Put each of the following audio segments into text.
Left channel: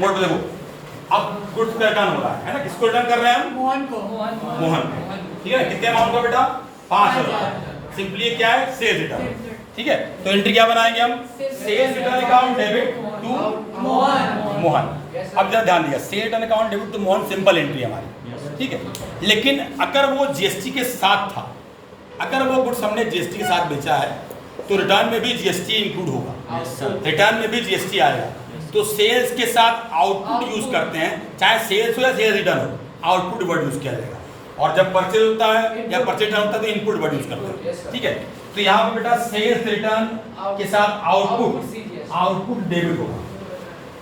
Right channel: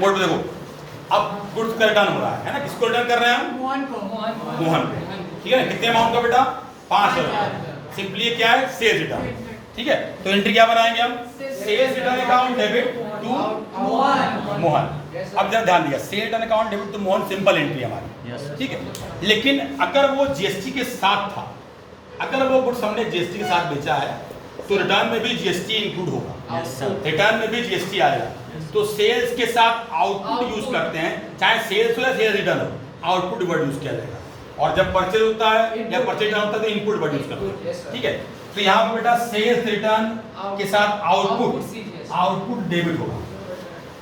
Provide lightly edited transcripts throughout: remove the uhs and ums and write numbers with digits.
Mode पे देखो, अब गुड्स का रिटर्न हो रहा है ना, किसको रिटर्न कर रहे हैं? मोहन को। मोहन पे, ठीक है ना। कितने अमाउंट का बेटा? 5,000। सिंपली क्या है? सेल्स रिटर्न, ठीक है। तो एंट्री क्या बनाएंगे हम? Sales return account debit to Mohan. अब जरा ध्यान दिया, sales return account debit to Mohan simple entry हमारी, ठीक है। लेकिन अगर वो जीएसटी के साथ था, अगर वो गुड्स हमने जीएसटी के साथ बेचा है तो रिटर्न में भी जीएसटी इंक्लूड होगा, रिटर्न में भी जीएसटी आएगा। तो सेल्स के साथ आउटपुट यूज करते हैं, चाहे सेल्स हो या सेल्स रिटर्न हो, आउटपुट वर्ड यूज किया जाएगा। और जब परचेज होता है या परचेज रिटर्न होता है तो इनपुट वर्ड यूज करते हैं, ठीक है। तो यहाँ पे बेटा सेल्स रिटर्न के साथ आउटपुट डेबिट होगा,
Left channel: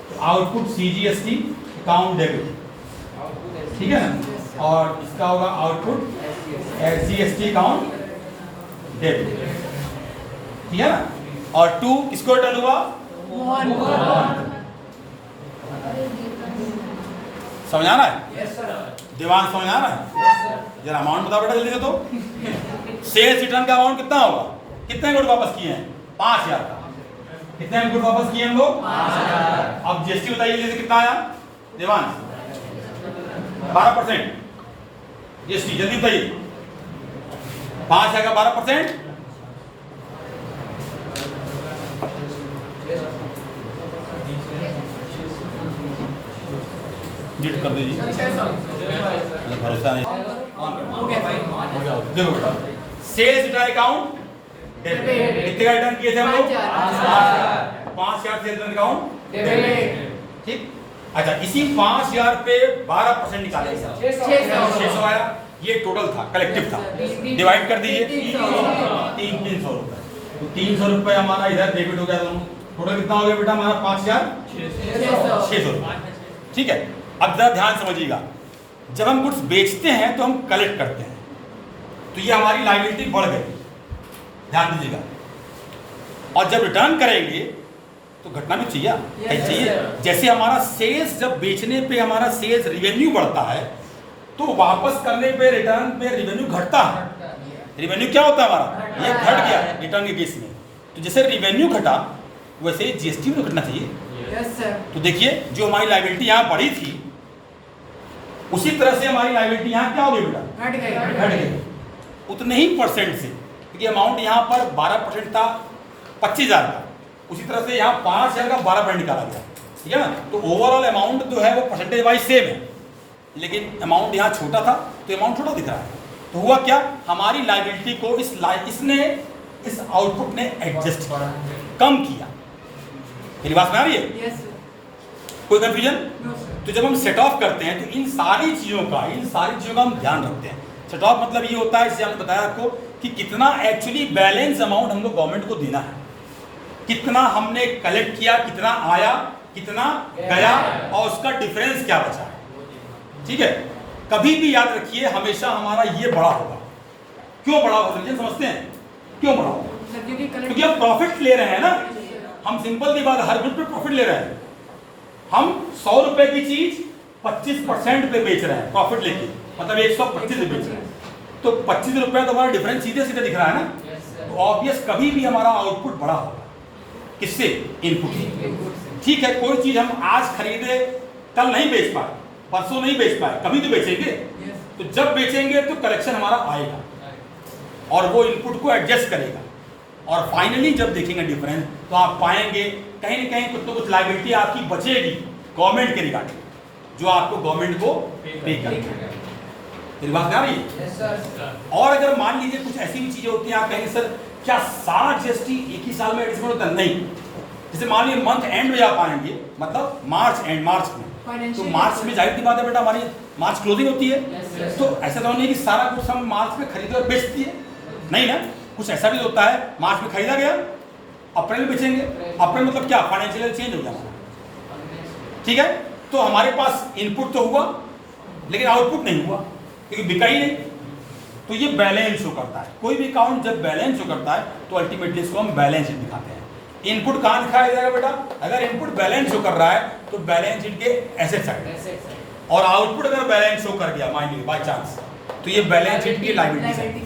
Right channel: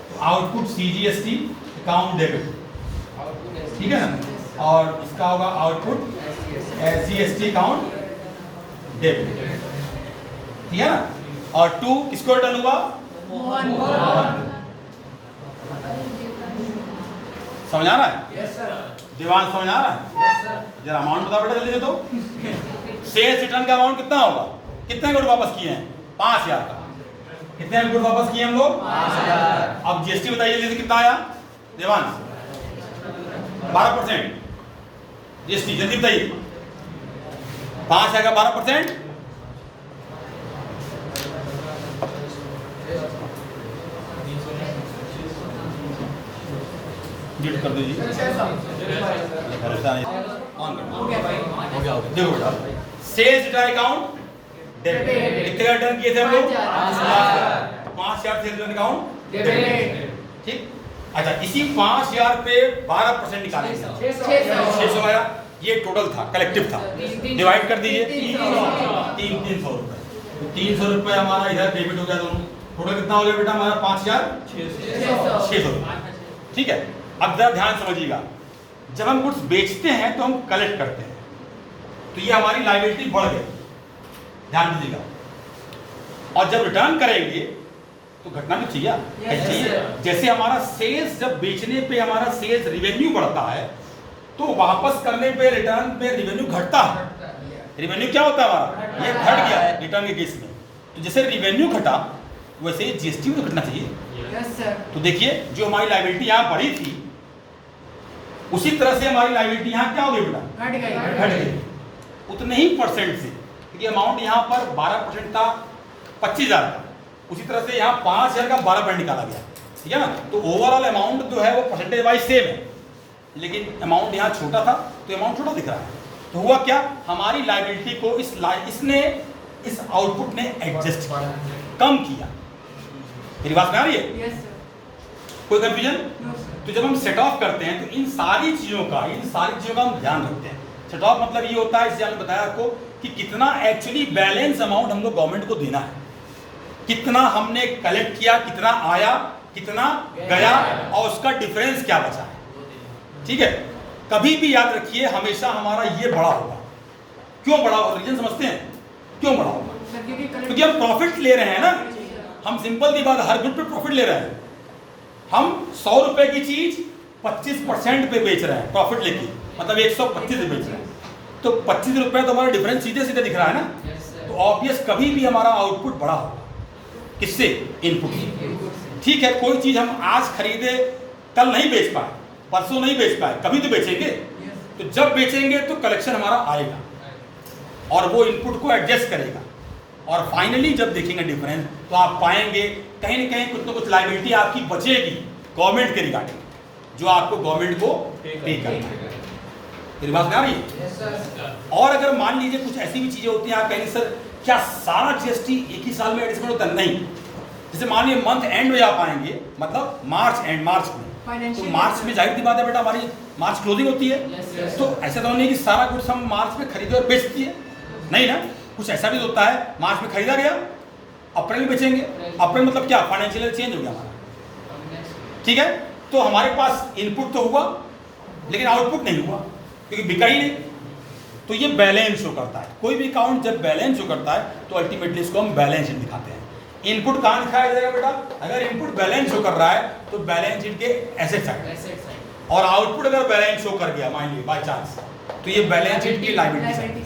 तो आउटपुट सीजीएसटी अकाउंट डेबिट, ठीक है ना। और इसका होगा आउटपुट एसजीएसटी अकाउंट डेबिट, ठीक है ना। और 2 किसको रिटर्न हुआ? मोहन। समझ आ रहा है? दीवान समझ आ रहा है? जरा अमाउंट बता बेटा जल्दी से। तो सेल्स रिटर्न का अमाउंट कितना होगा? कितने गुड वापस किए हैं? 5,000 का। कितने गुड वापस किए हम लोग? 5,000। अब जीएसटी बताइए जल्दी, कितना आया देवान? 12% जीएसटी, जल्दी बताइए। 5,000 का 12%, डिलीट कर दीजिए, भरोसा नहीं। देखो बेटा, सेल्स रिटर्न अकाउंट डेबिट, कितने का रिटर्न किए थे हम लोग? 5,000 सेल्स रिटर्न अकाउंट डेबिट, ठीक। अच्छा, इसी 5,000 पे 12% निकालेंगे, 600 आया। ये टोटल था, कलेक्टिव था, डिवाइड कर दीजिए 300 रुपए। तो 300 रुपए हमारा इधर डेबिट हो गया दोनों। टोटल कितना हो गया बेटा हमारा? 5,600, ठीक है। अब जरा ध्यान समझिएगा, जब हम गुड्स बेचते हैं तो हम कलेक्ट करते हैं, तो ये हमारी लायबिलिटी बढ़ गई, ध्यान दीजिएगा। और जब रिटर्न करेंगे तो घटना भी चाहिए, जैसे हमारा सेल्स, जब बेचने पे हमारा सेल्स रिवेन्यू बढ़ता है तो वापस करने पे रिटर्न पे रिवेन्यू घटता है। रिवेन्यू क्या होता है हमारा? ये घट गया रिटर्न के केस में। तो जैसे रिवेन्यू घटा वैसे जीएसटी में तो घटना चाहिए। तो देखिए, जो हमारी लायबिलिटी यहाँ बढ़ी थी उसी तरह से हमारी लायबिलिटी यहाँ क्या हो गई बेटा? घट गई, उतने ही परसेंट से, क्योंकि अमाउंट यहाँ पर 12% था 25,000 का, उसी तरह से यहाँ 5,000 का 12% निकाला गया, ठीक है ना। तो ओवरऑल अमाउंट जो है वो परसेंटेज वाइज सेम है, लेकिन अमाउंट यहाँ छोटा था तो अमाउंट छोटा दिख रहा है। तो हुआ क्या, हमारी लायबिलिटी को इस आउटपुट ने एडजस्ट किया, कम किया। मेरी बात में आ रही है? कोई कंफ्यूजन? तो जब हम सेट ऑफ करते हैं तो इन सारी चीज़ों का हम ध्यान रखते हैं। सेट ऑफ मतलब ये होता है, इससे हमने बताया आपको कि कितना एक्चुअली बैलेंस अमाउंट हम लोग गवर्नमेंट को देना है, कितना हमने कलेक्ट किया, कितना आया, कितना गया, और उसका डिफरेंस क्या बचा है, ठीक है। कभी भी याद रखिए, हमेशा हमारा ये बड़ा होगा। क्यों बड़ा होगा? रीजन समझते हैं क्यों बड़ा होगा? क्योंकि हम प्रॉफिट ले रहे हैं ना, हम सिंपल दी बात, हर गुड पे प्रॉफिट ले रहे हैं। हम 100 रुपए की चीज 25% पे बेच रहे हैं प्रॉफिट लेके, मतलब 125 रुपए बेच रहे हैं, तो 25 रुपए तो हमारा डिफरेंस सीधे सीधे दिख रहा है ना। तो ऑब्वियस कभी भी हमारा आउटपुट बड़ा होगा, किससे? इनपुट, ठीक है। कोई चीज हम आज खरीदे, कल नहीं बेच पाए, परसों नहीं बेच पाए, कभी तो बेचेंगे। तो जब बेचेंगे तो कलेक्शन हमारा आएगा और वो इनपुट को एडजस्ट करेगा, और फाइनली जब देखेंगे डिफरेंस तो आप पाएंगे कहीं ना कहीं कुछ तो कुछ लायबिलिटी आपकी बचेगी गवर्नमेंट के रिगार्डिंग, जो आपको गवर्नमेंट को पे करना है। मेरी बात आ रही है? और अगर मान लीजिए कुछ ऐसी भी चीजें होती हैं, आप कहेंगे सर क्या सारा जीएसटी एक ही साल में एडजस्टमेंट होता है? नहीं। जैसे मान लीजिए मंथ एंड में आप आएंगे, मतलब मार्च एंड, मार्च में, तो मार्च में जाहिर सी बात है बेटा हमारी मार्च क्लोजिंग होती है। तो ऐसा तो नहीं कि सारा कुछ हम मार्च में खरीदे और बेच दिए, नहीं ना। कुछ ऐसा भी होता है, मार्च में खरीदा गया, अप्रैल में बेचेंगे। अप्रैल मतलब क्या? फाइनेंशियल चेंज हो गया हमारा, ठीक है। तो हमारे पास इनपुट तो हुआ लेकिन आउटपुट नहीं हुआ, क्योंकि बिका ही नहीं। तो ये बैलेंस शो करता है। कोई भी अकाउंट जब बैलेंस शो करता है तो अल्टीमेटली इसको हम बैलेंस शीट दिखाते हैं। इनपुट कहाँ दिखाया जाएगा बेटा? अगर इनपुट बैलेंस शो कर रहा है तो बैलेंस शीट के एसेट साइड, और आउटपुट अगर बैलेंस शो कर गया मान लीजिए बाय चांस, तो ये बैलेंस शीट की लायबिलिटी साइड।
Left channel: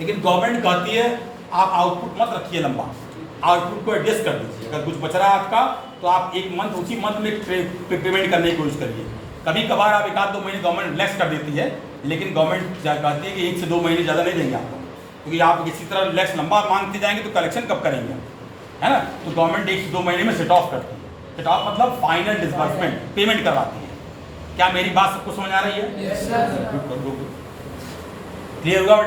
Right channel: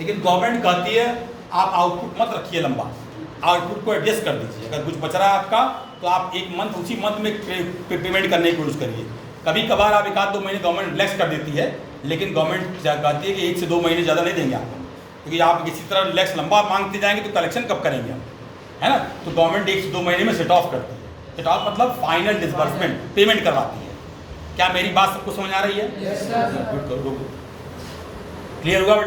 लेकिन गवर्नमेंट कहती है आप आउटपुट मत रखिए लंबा, आउटपुट को एडजस्ट कर दीजिए। अगर कुछ बच रहा है आपका तो आप एक मंथ उसी मंथ में पेमेंट करने की कोशिश करिए। कभी कभार आप 1-2 महीने गवर्नमेंट रिलैक्स कर देती है, लेकिन गवर्नमेंट कहती है कि 1 से 2 महीने ज़्यादा नहीं देंगे आपको, क्योंकि आप इसी तरह रिलैक्स लंबा मांगते जाएंगे तो कलेक्शन कब करेंगे हम, है ना। तो गवर्नमेंट 1 से 2 महीने में सेट ऑफ करती है। सेट ऑफ मतलब फाइनल डिस्बर्समेंट, पेमेंट करवाती है। क्या मेरी बात सबको समझ आ रही है? Yes, sir. क्लियर होगा?